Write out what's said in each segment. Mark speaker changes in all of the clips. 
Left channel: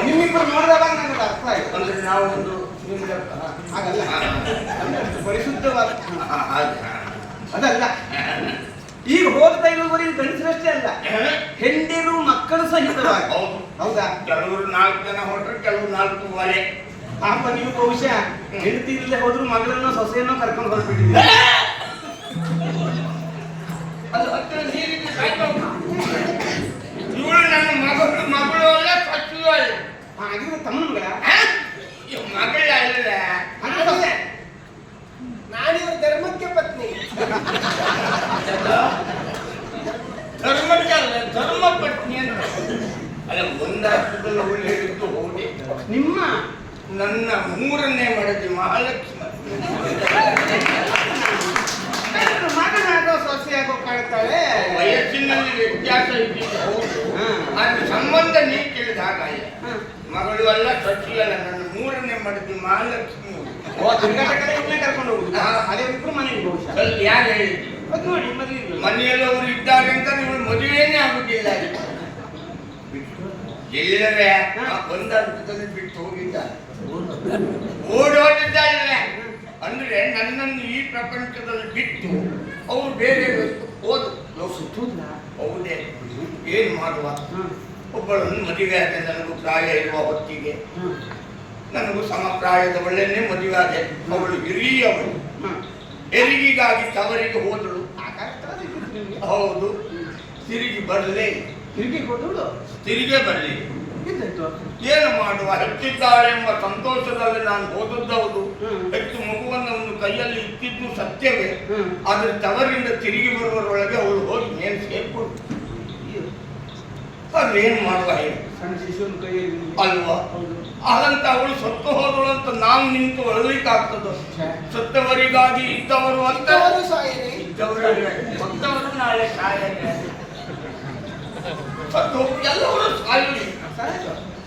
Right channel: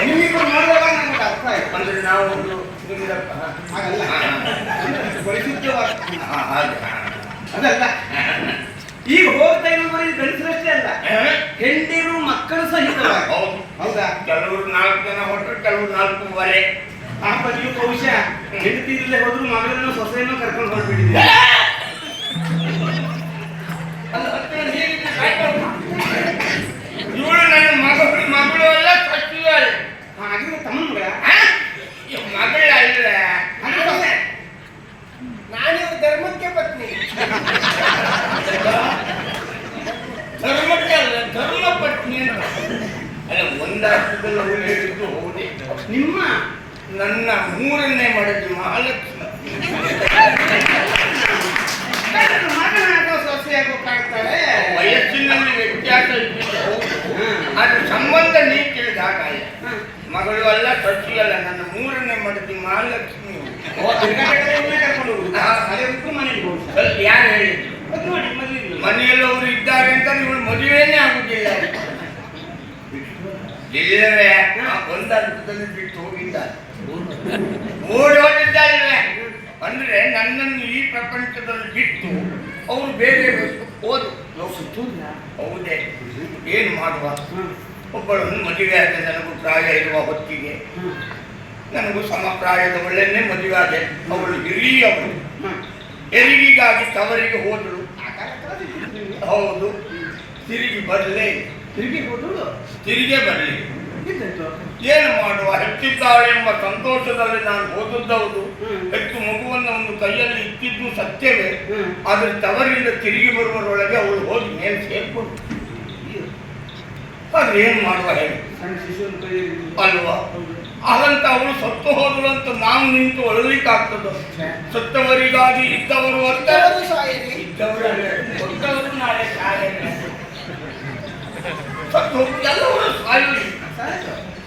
Speaker 1: ನಿಮ್ಮಿಬ್ಬರು ನೋಡಿದಾಗ ನನಗೆ ಅರ್ಥ ಆಯ್ತು.
Speaker 2: ಅಂದ್ರೆ ನಾವು ಒಂದು
Speaker 1: ಹಾಗಲ್ಲ. ಪರಿಶುದ್ಧವಾಗಿ. ಅದಲ್ಲ. ಈಗ ಹೋಗ್ತಾ ಇರುವವರೆ ಗಂಡಸರಷ್ಟೇ ಅಲ್ಲ. ಹೆಂಡಿರು ಮಕ್ಕಳು ಸಹಿತವಾಗಿ.
Speaker 2: ಹೌದು.
Speaker 1: ಹೌದಾ?
Speaker 2: ಕೆಲವರು ನಾಲ್ಕು ಜನ ಹೊರಟ್ರೆ ಕೆಲವರು ನಾಲ್ಕೂವರೆ.
Speaker 1: ಆ ನೀವು ಬಹುಶಃ ಹೆಂಡತಿ ಇಲ್ಲದೆ ಹೋದ್ರು ಮಗಳನ್ನು ಸೊಸೆಯನ್ನು ಕರ್ಕೊಂಡು ಹೊರಬಿಟ್ಟಿದ್ದೀರಿ
Speaker 2: ಅದು ಹತ್ತಿರ ನೀರಿನ ಕಾಯ್ಕೊಂಡು. ಇವಳು ನನ್ನ ಮಗಳು ಮಗಳು ಅಲ್ಲ ಸಚ್ಚು ಅಲ್ಲ
Speaker 1: ಹಾಗಿದ್ರೆ ತಮ್ಮನ ಮಗ
Speaker 2: ಹಾ? ಇವ್ ಮಗಳ ಅಲ್ಲ
Speaker 1: ಅಂದ್ರೆ ಸೊಸೆ
Speaker 3: ನಾನಿವ್ರ ಧರ್ಮಕ್ಕೆ ಪತ್ನಿ
Speaker 2: ಧರ್ಮಕ್ಕೆ ಅಲ್ಲ ಧರ್ಮ ಪತ್ನಿ ಅಂತ ಅಲ್ಲ ಒಂದರ್ಥದಲ್ಲಿ ಅವಳು ಹೇಳಿದ್ದು
Speaker 1: ನಿಮ್ಮ
Speaker 2: ನನ್ನ ಮೂರನೇ ಮಡದಿ ಮಹಾಲಕ್ಷ್ಮಿ.
Speaker 1: ಮಗನ ಮಗನಾಗೋ ಸೊಸೆಯಾಗೋ ಕಾಣ್ತಾಳೆ
Speaker 2: ವಯಸ್ಸಿನಲ್ಲಿ ವ್ಯತ್ಯಾಸ ಅದ್ರ ಸಂಬಂಧ ನೀ ಕೇಳಿದ ಹಾಗಾಯ ಮಗಳು ಅಲ್ಲ ಸಚ್ಚಿ ಅಲ್ಲ ನನ್ನ ಮೂರನೇ ಮಡದಿ ಮಹಾಲಕ್ಷ್ಮಿ. ಯಾರು ಹೇಳಿದ್ರು. ಮನೆಯಲ್ಲಿ ಅವರು ಇದ್ದಾರೆ ಅಂತ ನೀವು ಮದುವೆನೇ ಆಗುದಿಲ್ಲ. ಆ ಬಂದ ಬಿಟ್ಟು ಹೋಗಿದ್ದ. ಓಡೋಗಿದ್ದ ಅಂದ್ರೆ ನನ್ನನ್ನು ಈ ಪ್ರಪಂಚದಲ್ಲಿ ಬಿಟ್ಟು ಅವರು ಬೇರೆ ಹೋದು ಹೌದೇ. ಏನು ಮಾಡುವ? ಒಬ್ಬಳನ್ನು ಮದುವೆ ಆದ ನನಗೂ ಪ್ರಾಯ ಇರುವ ಹೊತ್ತಿಗೆ ನನಗೂ ಸಮ ಪ್ರಾಯದವಳನ್ನೇ ಮದುವೆ ಆದೆ. ಅವಳು ಹಿರಿಯವಳು. ಹೆರಿಗೆಗಾಗಿ ತವರಿಗೆ ಹೋದಳು? ಹೌದು. ತಿರುಗಿ ಬರಲೇ
Speaker 1: ತಿರುಗಿ ಕೊಟ್ಟು
Speaker 2: ತಿರುಗೇ ಬರಲಿ. ಏನು ಮಾಡುವ? ಹೆಚ್ಚಿದ್ದಾಳೆ ಎಂಬ ಸಂತೋಷದಲ್ಲಿ ನಾನು
Speaker 1: ಓದುದ್ದವರು
Speaker 2: ಹೆಚ್ಚು ಮಗುವನ್ನು ಒಂದು ಕೈಯಲ್ಲಿ ಇಟ್ಟಿದ್ದು ಸತ್ಯವೇ. ಆದರೆ ತವರಿಂದ ತಿರುಗಿ ಬರುವರೊಳಗೆ ಅವಳು ಹೋಗಿ ಮೇಲೆ ಸೇರ್ಕೊಂಡು. ಅದೇನು ಮಾಡುವ ಹೇಳಿ. ಅಲ್ವಾ. ಹಾಗಂತ ಅವಳು ಸತ್ತು ಹೋದಳು ಅಂತ ನಾವು ನಿಂತು
Speaker 1: ಒಳ್ಳಿಕ್ಕಾಗ್ತದ.
Speaker 2: ಸತ್ತವರಿಗಾಗಿ ಇದ್ದವರು ಅಂತ?
Speaker 3: ಇದ್ದವರು
Speaker 2: ನಾಳೆ ಸಾಯಲ್ಲ
Speaker 1: ಎಲ್ಲರೂ.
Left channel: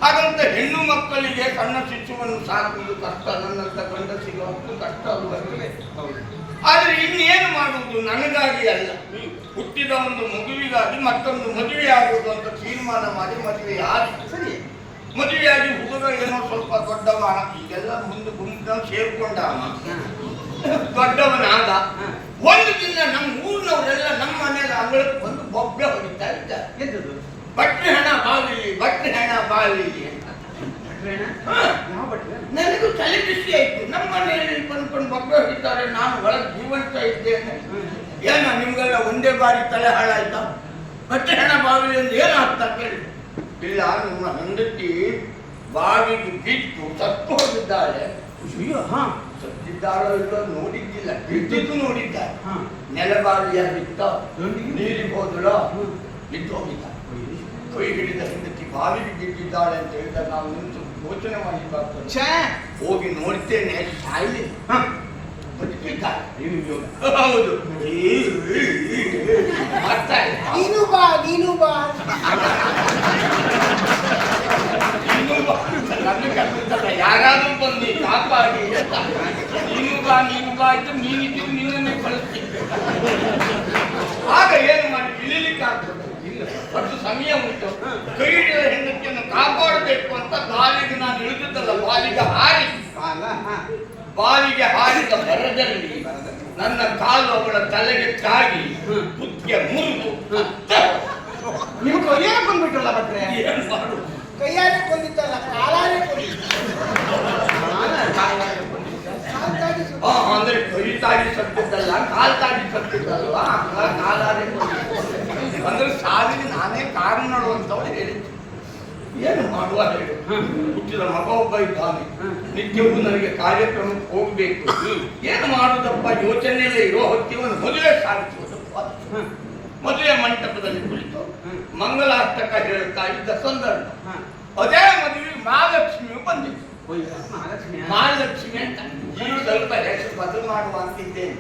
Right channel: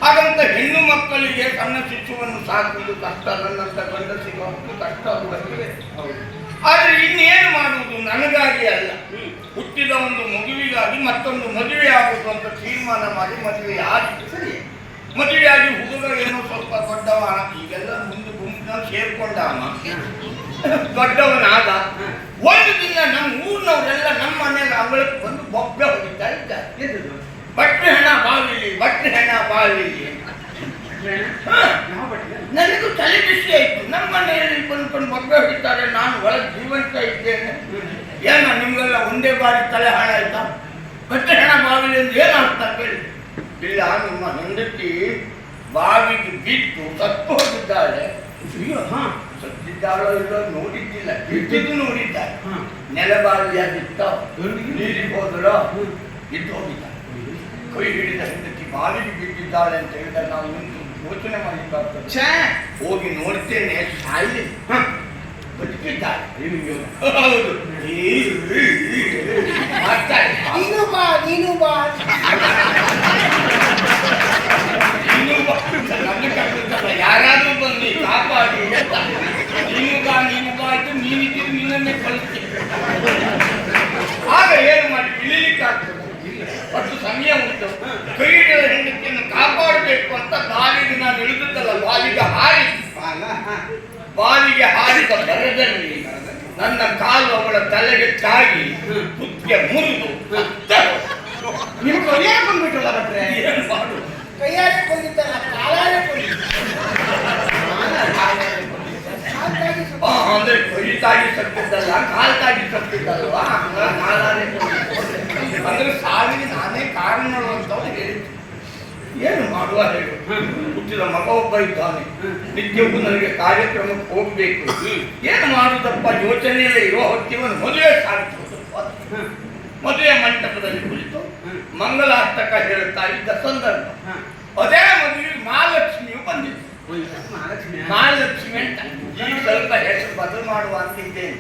Speaker 2: ಹಾಗಂತ ಹೆಣ್ಣು ಮಕ್ಕಳಿಗೆ ಸಣ್ಣ ಶಿಶುವನ್ನು ಸಾಕುವುದು ಕಷ್ಟ, ನನ್ನಂತ ಗಂಡಸಿಗೆ ಕಷ್ಟ ಅವರಿಗೆ ಆದರೆ ಇನ್ನೇನು ಮಾಡುವುದು? ನನಗಾಗಿ ಅಲ್ಲ. ಹುಟ್ಟಿದ ಒಂದು ಮಗುವಿಗಾಗಿ ಮತ್ತೊಂದು ಮದುವೆ ಆಗುವುದು ಅಂತ ತೀರ್ಮಾನ ಮಾಡಿ ಮದುವೆ ಆಗಿ
Speaker 1: ಸರಿ.
Speaker 2: ಮದುವೆಯಾಗಿ ಹುಡುಗ ಏನೋ ಸ್ವಲ್ಪ ದೊಡ್ಡವ ಈಗೆಲ್ಲ ಮುಂದೆ ಗುಂಪಿನ ಸೇರ್ಕೊಂಡ. ದೊಡ್ಡವನಾದ ಒಂದು ದಿನ ನಮ್ಮ ಊರಿನವರೆಲ್ಲ ನಮ್ಮ ಮನೆಗೆ ಅವಳಿಗೆ ಬಂದು ಬೊಬ್ಬೆ ಹೊಡಿತಾ ಇದ್ದಾರೆ
Speaker 1: ಎಂತದ್ದು?
Speaker 2: ಬಟ್ರೆ ಹಣ ಬಾವಿಲಿ ಬಟ್ರೆ ಹಣ ಬಾವಿಲಿ ಅಂತ.
Speaker 1: ಭಟ್ರೆ?
Speaker 2: ಹಾ.
Speaker 1: ಯಾವ ಭಟ್ರೆ?
Speaker 2: ನನಗೂ ತಲೆ ಬಿಸಿ ಆಯ್ತು ನಮ್ಮ ಮನೆಯಲ್ಲಿ ಬಂದ್ಕೊಂಡು ಬಿಡ್ತಾರೆ ಹೊಡಿತಾರೆ ನಾನು ಒಳಗೆ ಜೀವಂತ ಇದ್ದೇನೆ. ಏನ ನಿಮಗೆಲ್ಲ ಒಂದೇ ಬಾರಿ ತಲೆ ಹಾಳಾಯ್ತಾ? ಬಟ್ಟೆ ಹಣ ಬಾವಿಲಿ ಎಂದು ಏನು ಅರ್ಥ ಕೇಳಿ? ಇಲ್ಲ ನಿಮ್ಮ ಹೆಂಡತಿ ಬಾವಿಗೆ ಬಿದ್ದು ಸತ್ತು ಹೋಗಿದ್ದಾಳೆ.
Speaker 1: ಅಯ್ಯೋ, ಹಾ.
Speaker 2: ಸತ್ತಿದ್ದಾಳೋ ಇಲ್ಲೋ ನೋಡಿದ್ದಿಲ್ಲ. ಬಿದ್ದಿದ್ದು ನೋಡಿದ್ದಾರೆ
Speaker 1: ಹಾ.
Speaker 2: ನೆಲಬಾವಿಯಾಗಿತ್ತ? ನೀರಿಗೆ
Speaker 1: ಹೋದರೋ
Speaker 2: ಬಿದ್ದು ಹೋಗಿದ್ದ. ಕೈ ಹಿಡಿದ ಹೆಂಡತಿ ಬಾವಿಗೆ ಬಿದ್ದಿದ್ದಾಳೆ ಅಂತ ಹೇಳಿದ್ರೆ ನಾವು ನಿಂತು ಯೋಚನೆ ಮಾಡಲಿಕ್ಕಾಗ್ತದೆ
Speaker 1: ಛೇ.
Speaker 2: ಹೋಗಿ ನೋಡ್ತೇನೆ. ಸಾಯಿಲಿ ಹೌದು. ಮಾಡ್ತಾರೆ
Speaker 3: ನೀನು ಬಾ ನೀನು ಬಾ.
Speaker 2: ನೀನು ಬಾ. ನನ್ನ. ಯಾರಾದ್ರೂ ಬಂದು ಕಾಪಾಡಿ. ನೀನು ಬಾ ನೀನು ಬಾ ಆಯ್ತು ನೀನಿದ್ದು ನಿನ್ನನ್ನೇ ಕಳಿಸ್ತೀನಿ. ಆಗ ಏನು ಮಾಡಿ? ಇಳಿಲಿಕ್ಕಾಗ್ತದೆ ಒಟ್ಟು ಸಮಯ ಉಂಟು. ಕೈ ಹೆಂಡತಿಯನ್ನು ಕಾಪಾಡಬೇಕು ಅಂತ ಬಾಲಿಗೆ ನಾನು ಇಳಿದದ್ದಲ್ಲ ಬಾಲಿಗೆ ಹಾರಿ. ಬಾವಿಗೆ ಹಾರಿದ ಬರದಲ್ಲಿ ನನ್ನ ಕಾಲು ಅವಳ ತಲೆಗೆ ತಾಗಿ ಕುತ್ತಿಗೆ ಮುರಿದು
Speaker 1: ನೀವು ಕೊರಿಯಾಗ ಬಂದ್ಬಿಟ್ಟಲ್ಲ ಮತ್ತೆ
Speaker 2: ಏನು ಮಾಡು.
Speaker 3: ಕೈಯಾರೆ ಕೊಂದಿತ್ತಲ್ಲ ಕಾಲಾರೆ
Speaker 2: ಅಂದ್ರೆ ಕೈ ತಾಗಿ ಸತ್ತಿದ್ದಲ್ಲ ಕಾಲು ತಾಗಿ ಸತ್ತಿದ್ದಲ್ವಾ? ಕಾಲಾರೆ. ಅಂದ್ರೆ ಸಾವಿಗೆ ನಾನೇ ಕಾರಣ ಅಂತ ಹೇಳಿದ್ದೆ ಏನು ಮಾಡುವ ಹೇಳು. ಹುಟ್ಟಿದ ಮಗ ಒಬ್ಬ ಇದ್ದಾನೆ ನಿತ್ಯವೂ ನನಗೆ ಕಾರ್ಯಕ್ರಮಕ್ಕೆ ಹೋಗಬೇಕು ಏನು ಮಾಡುದಪ್ಪ ಯೋಚನೆಯಲ್ಲೇ ಇರುವ ಹೊತ್ತಿವನು ಮದುವೆ
Speaker 1: ಸಾಧಿಸುವ.
Speaker 2: ಮದುವೆ ಮಂಟಪದಲ್ಲಿ ಕುಳಿತು ಮಂಗಲಾರ್ಥಕ ಹೇಳುತ್ತಾ ಇದ್ದ ಸಂದರ್ಭ ಅದೇ ಮದುವೆ ಮಹಾಲಕ್ಷ್ಮಿಯು ಬಂದಿತ್ತು
Speaker 1: ಮಹಾಲಕ್ಷ್ಮಿ.
Speaker 2: ಮಹಾಲಕ್ಷ್ಮಿ ಅಂತ ಸ್ವಲ್ಪ ಹೆಸರು ಬದಲು ಮಾಡುವ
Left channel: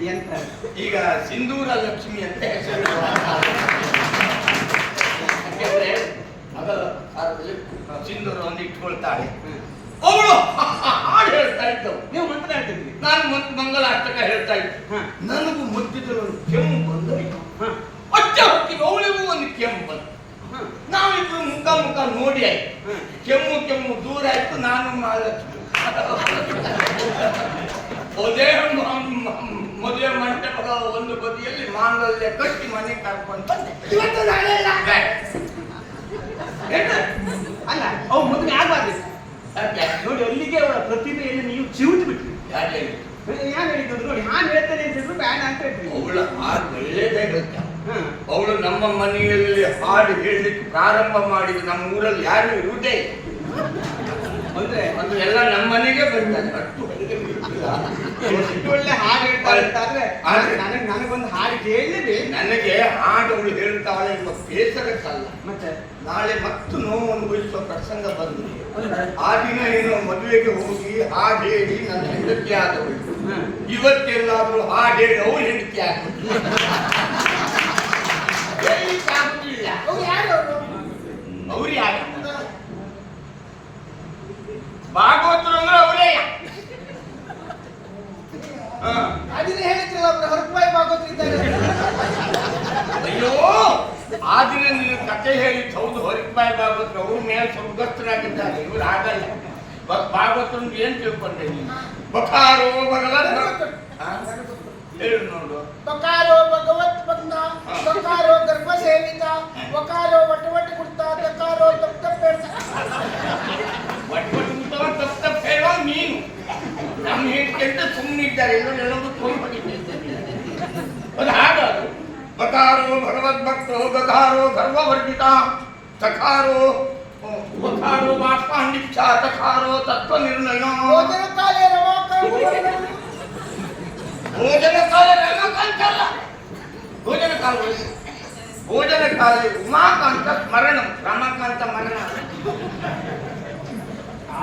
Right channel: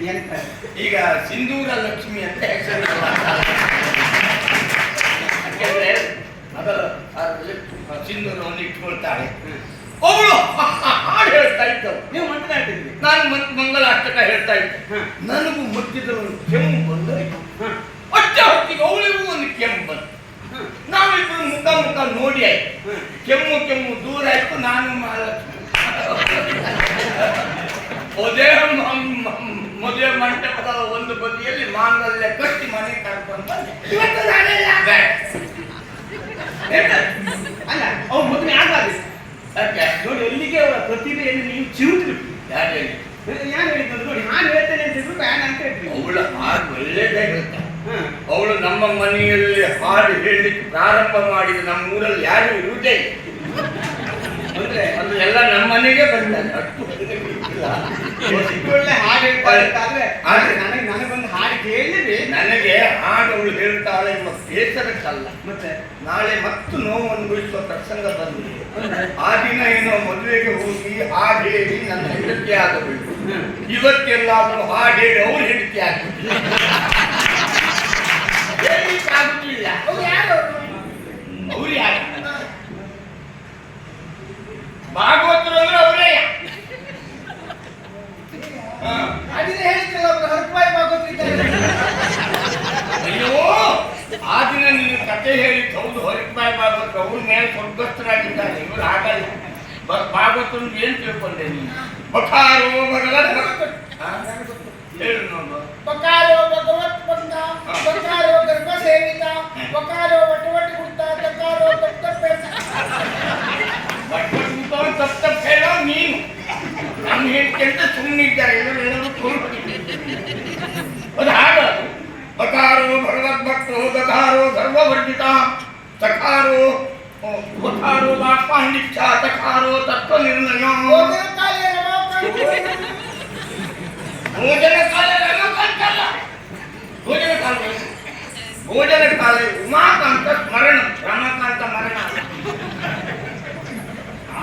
Speaker 1: ಎಂತ?
Speaker 2: ಈಗ ಸಿಂಧೂರ ಲಕ್ಷ್ಮಿ ಅಂತ ಹೆಸರು ಅದರಲ್ಲಿ ಸಿಂಧೂರವನ್ನು ಇಟ್ಕೊಳ್ತಾಳೆ ಅವಳು ಹಾಡು ಹೇಳ್ತಾ ಇದ್ದವು
Speaker 1: ನೀವು ಮಾತನಾಡ್ತಿದ್ರಿ
Speaker 2: ನಾನು ಮತ್ ಮಂಗಲ ಅಷ್ಟಕ ಹೇಳ್ತಾ ಇದ್ದೆ. ನನಗೂ ಮುಟ್ಟಿದ್ರು ಕೆಮ್ಮು ಬಂದಾಯ್ತು
Speaker 1: ಹಾ.
Speaker 2: ಅಚ್ಚ ಹೊತ್ತಿಗೆ ಅವಳಿಗೂ ಒಂದು ಕೆಮ್ಮು ಬಂತು. ನಾವಿಬ್ರು ಮುಖ ಮುಖ ನೋಡಿ ಆಯ್ತು. ಕೆಮ್ಮು ಕೆಮ್ಮು ದೂರ ಆಯ್ತು ನಾನು ಮಹಾಲಕ್ಷ್ಮಿ. ಅದೇ ಮ- ಮ- ಮದುವೆ ಮಂಟಪದ ಒಂದು ಬದಿಯಲ್ಲಿ ಮಾನದಲ್ಲೇ ಕಟ್ಟಿ ಮನೆ ಕರ್ಕೊಂಡು ಬಂದೆ.
Speaker 3: ಇವತ್ತು ನಾಳೆಲ್ಲ
Speaker 1: ಅಲ್ಲ ಅವು ಮದುವೆ ಆಗಬಾರ್ದು
Speaker 2: ಯಾಕೆ?
Speaker 1: ನೋಡಿ ಅಲ್ಲಿಗೆ ಅವರ ಪ್ರತಿಭೆಯನ್ನು ನೀವು ಚಿರುತು ಬಿಟ್ಟು
Speaker 2: ಯಾರು
Speaker 1: ಹೇಳಿ ಯಾರು ಹೇಳಿದ್ರು ನೋಡಿ ನಾನು ಹೇಳ್ತೇನೆ ಅಂತ ಹೇಳಿದ್ರು ಬೇಡ ಅಂತ ಹೇಳ್ತೀನಿ
Speaker 2: ಅವಳ ಹಾಡು ಒಳ್ಳೆಯದೇ ಗೊತ್ತಾ. ಅವಳು ನಮ್ಮ ಮನೆಯಲ್ಲಿ ಹಾಡು ಹೇಳಿ ಪ್ರಾರಂಭ ಮಾಡಿದ ನಮ್ಮ ಊರಲ್ಲಿ ಯಾರು ಇರುವುದೇ.
Speaker 1: ಅಂದ್ರೆ
Speaker 2: ಅದು ಎಲ್ಲ ನಮ್ಮ ಮನೆಗೆ ಬಂದ
Speaker 1: ಎಷ್ಟು ಒಳ್ಳೆ ಹಾಡು ಹೇಳ್ತಾರೆ ಅಂತ ಆದ್ರೆ
Speaker 2: ಆದ್ರೆ-
Speaker 1: ನನಗೆ ಬಂದು ಹಾಡು ಕೇಳಲೇಬೇಕು
Speaker 2: ನನಗೆ ಹಾಡು ಅವಳು ಹೇಳ್ತಾಳೆ ಎಂಬ ಬೇಸರಕ್ಕಲ್ಲ
Speaker 1: ಮತ್ತೆ?
Speaker 2: ನಾಳೆ ಮತ್ತು ನೋವು ಅನುಭವಿಸುವ ಪ್ರಸಂಗ ಬಂದಿದೆ ಆ ದಿನ ಏನೋ ಮದುವೆಗೆ ಹೋಗಿ ಹಾಡು ಹೇಳಿ ನನ್ನ ಹೆಂಡತಿ ಆಗಬೇಕು. ಇವತ್ತೆಲ್ಲಾದ್ರೂ ಹಾಡು ಹೇಳಿ ಅವ್ರು ಹೆಂಡತಿ ಆಗಬೇಕು.
Speaker 3: ಅವ್ರು ಯಾರು? ಅವ್ರು
Speaker 2: ಯಾರು? ಭಾಗವತರು ಅಂದ್ರೆ ಅವರೇ.
Speaker 3: ಅದಿನ ಹೇಳ್ತಿಲ್ಲ ಅವರು ಹರಪಾಯಿ ಭಾಗವತರಿದ್ದಾರೆ
Speaker 2: ಅಯ್ಯೋ ಆ ದಿನ ನಿನ್ನ ಕತೆ ಹೇಳಿ ಹೌದು ಹೊರಪಾಯಿ ಭಾಗವತ ಅವ್ರ ಮೇಲೆ ಸ್ವರ್ಗಸ್ಥರಾಗಿದ್ದಾರೆ. ಇವ್ರು ಆಗಲ್ಲ ಬಟ್ ಭಾಗವತನ ಏನ್ ತಿಳ್ಕೊಂಡೆ ನೀನು? ಬಕಾರೋ ಭಗವತ್? ಹೇಳು ನೋಡು.
Speaker 3: ಬಕಾರೋ ಭಗವತ್ ಬಂದ ಬಕಾರೋ ಗರ್ಭ ಸೇವಿತ ಬಕಾರೋ ವಟವಟ ಕುಡ್ತ ತಕಾರೋ ತಪ್ಪ ತಪ್ಪ
Speaker 2: ಒಟ್ಟು ಊಟವನ್ನು ತಪ್ಪು ತಪ್ಪು ಹೇಳೋ ನೀನು ನಮ್ಮ ಹೇಳ್ಕೊಂತ ಸುಮ್ಮನೆ ಇದ್ದಾರೆ ಎಲ್ಲರೂ ಅದು ಹಾಡು ಅದು. ಬಕಾರೋ ಭಗವದ್ಭಕ್ತೋ ದಕಾರೋ ಗರ್ವವರ್ಜಿತ ತಕಾರೋ ಬಕಾರೋ ವಾಪಾಂಡಿಚ್ಛ ತಕಾರೋ ತತ್ವ ನಿರ್ಣಯ
Speaker 3: ಭೋಜನ ಕಾಲೇ ರಮಾಕಾಂತ
Speaker 2: ಭೋಜನ ಕಾಲ ರಮಾಕಾಂತಲ್ಲ ಭೋಜನ ಕಾಲ ಭೋಜನ ಕಾಲ ಉಮಾಕಾಂತ ಸ್ಮರಣ, ರಮಾಕಾಂತ ಮರಣ.